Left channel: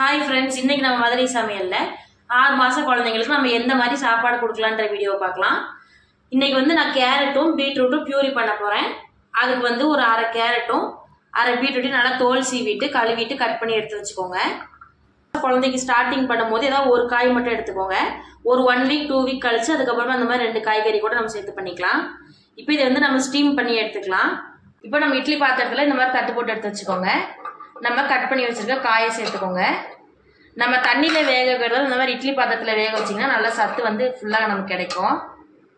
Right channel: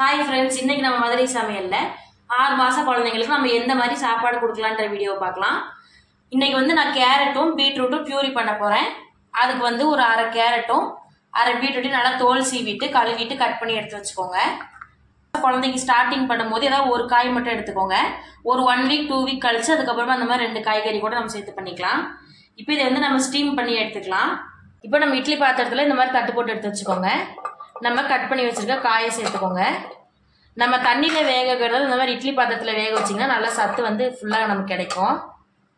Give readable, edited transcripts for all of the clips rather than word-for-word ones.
Hi friends, இன்னைக்கு நம்ம மதுரை சமையல்ல 6 மாச குழந்தைங்களுக்கு நம்ம எந்த மாதிரி சாப்பாடு கொடுக்கலான்ற வீடியோ பார்க்கலாம். இன்னைக்கு வந்து நான் கேரட்டும் பீட்ரூட்டும் பியூரி பண்ண போறேன். அதுக்கு வந்து ஒரு அரை கேரட்டும் அரை பீட்ரூட்டையும் நல்லா தோல் சீவிட்டு கழுவிட்டு கட் பண்ணி எடுத்து வச்சுக்கோங்க. குழந்தைக்கு ஸ்டார்டிங் பண்ணும்போது ஏதாவது ஒரு காய் மட்டும் எடுத்துக்கோங்க. ஒரு 1 வீக் 2 வீக் கழிச்சு அதுக்கப்புறமா அந்த மாதிரி 2 காய்கறி கூட நம்ம சேர்த்து பண்ணிக்கலாம். இப்போ இதை வந்து நம்ம ஸ்டீம் பண்ணி எடுத்துக்கலாம். இப்போ நம்ம இட்லி பாத்திரத்துல இந்த மாதிரி தட்டு போட்டு எடுத்து வச்சுக்கோங்க. நம்ம கட் பண்ணி வச்சிருக்க காயை சேர்த்துக்கோங்க. நம்ம தண்ணியில வேக வைக்கிறது இந்த மாதிரி இட்லி பாத்திரத்துல வேக வச்சிங்கன்னா நல்லா சத்து வந்து ஃபுல்லாக நமக்கு கிடைக்கும்.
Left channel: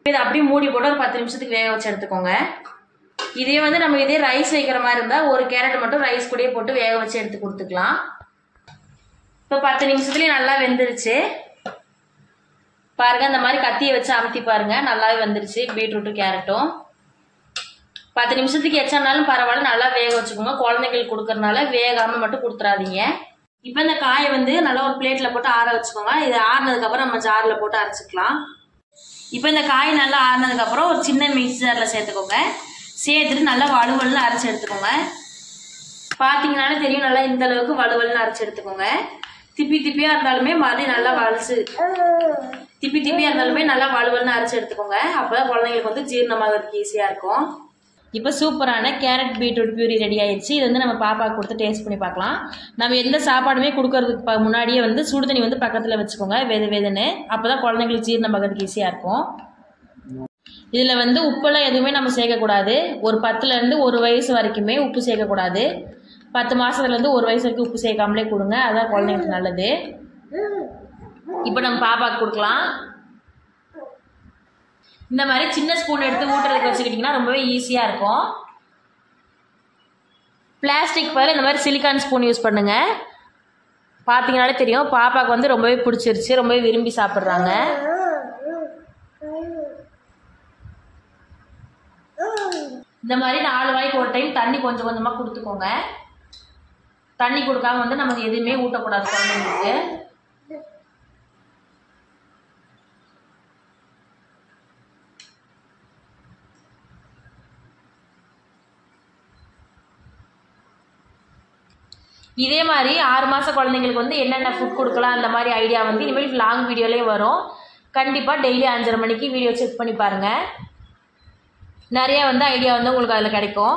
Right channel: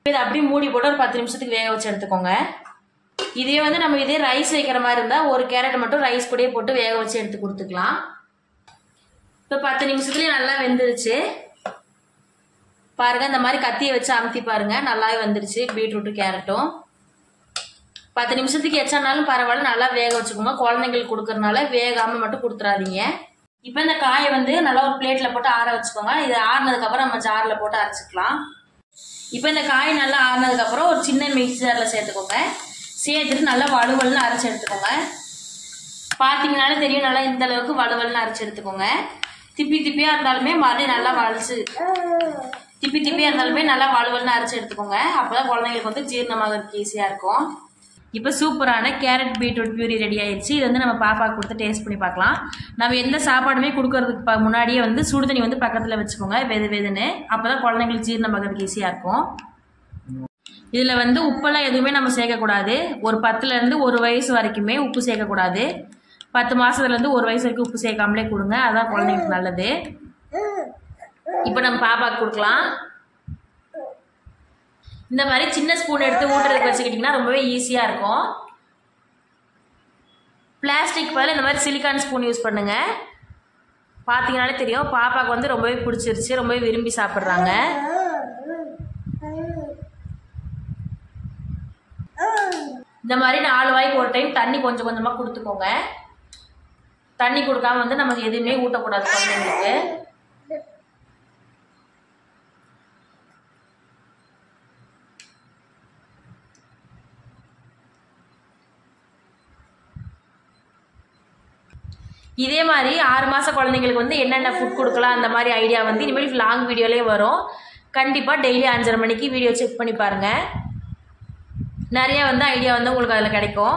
இதை அப்படியே மூடி போட்டு ஒரு 10 நிமிஷத்துக்கு வேக வச்சு எடுத்துக்கோங்க. இதே வந்து நம்ம இதே ரைஸ் வைக்கிற மாதிரி இருந்தால் ஒரு கேரட் மட்டும் ரைஸ் கூடயே போட்டு வேக வச்சு எடுத்து கொடுத்துக்கலாம். இப்போ 10 நிமிஷத்துலேயே நல்லா வெந்துருச்சு பாருங்க. இந்த மாதிரி கத்தியை வச்சு அமுத்தி பாருங்க, நல்லாவே வந்துருச்சு. பீட்ரூட்டும் கேரட்டும் 10 நிமிஷத்துக்கு எச்சானாலும் பரவாயில்ல, நல்லா வேக வச்சுக்கோங்க. குழந்தைங்களுக்கு கொடுக்கறதுனால வேகாம மட்டும் கொடுத்துறாதீங்க. இப்போ இந்த காயை வந்து நல்லா ஒரு பிளேட்ல போட்டு ஆற வச்சுக்கோங்க. இது ஆறினதுக்கு அப்புறம் நம்ம ஜார்ல போட்டு அரைச்சிக்கலாம். இப்போ இந்த காய் நல்லா ஆறினதுக்கு அப்புறம் ஒரு சின்ன மிக்ஸி ஜார்ல சேர்த்துக்கோங்க. சேர்த்துட்டு நல்லா வலுவலுன்னு அரைச்சி எடுத்துக்கோங்க. பார்த்தீங்கன்னாலே தெரியும், நல்லா இந்த அளவுக்கு வலுவலுன்னு அரைச்சி எடுத்துக்கோங்க. திப்பியா இருந்தாலுமே மறுபடியும் நல்லா வலிச்சு திப்பியா இருந்தாலுமே நல்லா வலுவலுன்னு அரைச்சி எடுத்துக்கோங்க. அப்போதான் குழந்தைங்களுக்கு வந்து ஜீரணமாகிறதுக்கு ஈஸியா இருக்கும். இப்போ சூப்பரான கேரட் பீட்ரூட் பியூரி ரெடி ஆயிடுச்சு. இது வந்து நம்ம பாப்பாவுக்கு கொடுத்து டேஸ்ட் பண்ணி பார்க்கலாம். நம்ம எந்த சாப்பாடுமே கொடுக்கறதுக்கு முன்னாடியே வந்து சுடுதண்ணி வந்து பக்கத்தில் வச்சுக்கோங்க, வெதுன்னு. அப்போ தான் குழந்தைங்களுக்கு ஜீரணமாகிறதுக்கு ஈஸியாக இருக்கும். இதில் வந்து உப்பெல்லாம் எதுவுமே நம்ம சேர்க்கக்கூடாது. ஒரு 10லேருந்து 1 வயசு வரைக்குமே உப்பு சேர்க்கக்கூடாது. 10 மாதத்துலேருந்து 1 வயசு வரைக்கும் உப்பு சேர்க்காமலே கொடுங்க, அதான் குழந்தைங்களுக்கு நல்லது. இப்போ நம்ம பாப்பாவுக்கு கொடுக்கலாம். இந்த மாதிரி சின்ன ஸ்பூன் எடுத்து ஊட்டுறதுக்கு வச்சுக்கிட்டிங்கன்னா ரொம்பவே ஈஸியாக இருக்கும். பிளாஸ்டிக் பதில் இந்த மாதிரி சிலிக்கான் ஸ்பூன் யூஸ் பண்ணுங்க. பார்த்தீங்கன்னாலே தெரியும், பாப்பாவுக்கு வந்து ரொம்பவே பிடிச்சிருச்சு, ரொம்பவே விரும்பி சாப்பிட்றாங்க. இந்த மாதிரி 4 வாய்க்கு ஒரு டைம் தண்ணி கொஞ்சம் கொஞ்சமாக கொடுத்துக்கோங்க. தண்ணி கொடுக்காம வந்து நமக்கு எதுவுமே ஊட்டக்கூடாது குழந்தைங்களுக்கு. இதே மாதிரி 6 மாச குழந்தைங்களுக்கு வந்து என்னென்ன ஃபுட் கொடுக்கலாம் அந்த மாதிரி ஐடியா வந்து இனிமேல் லாங் வீடியோலேயே வரும். கண்டிப்பாக டெய்லி 5:30 மணிக்கு வீடியோ செக் பண்ணி பாருங்கள். நிறையா வந்து ஐடியா வந்து உங்களுக்கு அதில் கிடைக்கும்.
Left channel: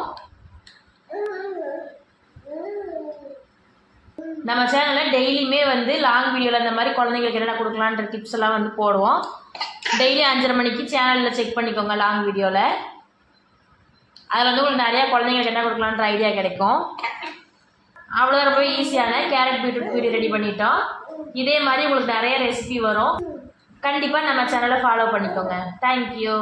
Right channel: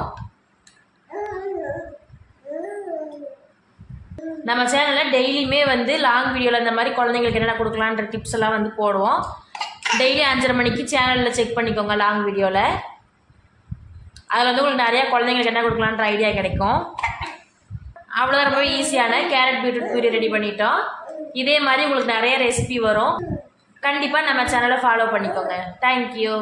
நம்ம சேனலில் டெய்லியுமே வந்து லாங் வீடியோவில் இந்த மாதிரி குழந்தைங்களுக்கு என்னென்ன கொடுக்கலான்ற டிப்ஸ் எல்லாம் வந்து போடுவோம். டெய்லி 5:30 மணிக்கு சேனலில் செக் பண்ணிக்கோங்க லாங் வீடியோவில். அதில் வந்து உங்களுக்கு நிறையா குழந்தைங்களுக்கு என்ன கொடுக்கலான்ற ஐடியா கிடைக்கும். அவ்வளோதான், ரொம்ப ஈஸியான கேரட் பீட்ரூட் பியூரி ரெடி பண்ணிட்டோம். இதே மாதிரி உங்களுக்கு நிறைய ரெசிபி வரும். கண்டிப்பாக நம்ம சேனலை ஃபாலோ பண்ணிக்கோங்க. தேங்க்யூ.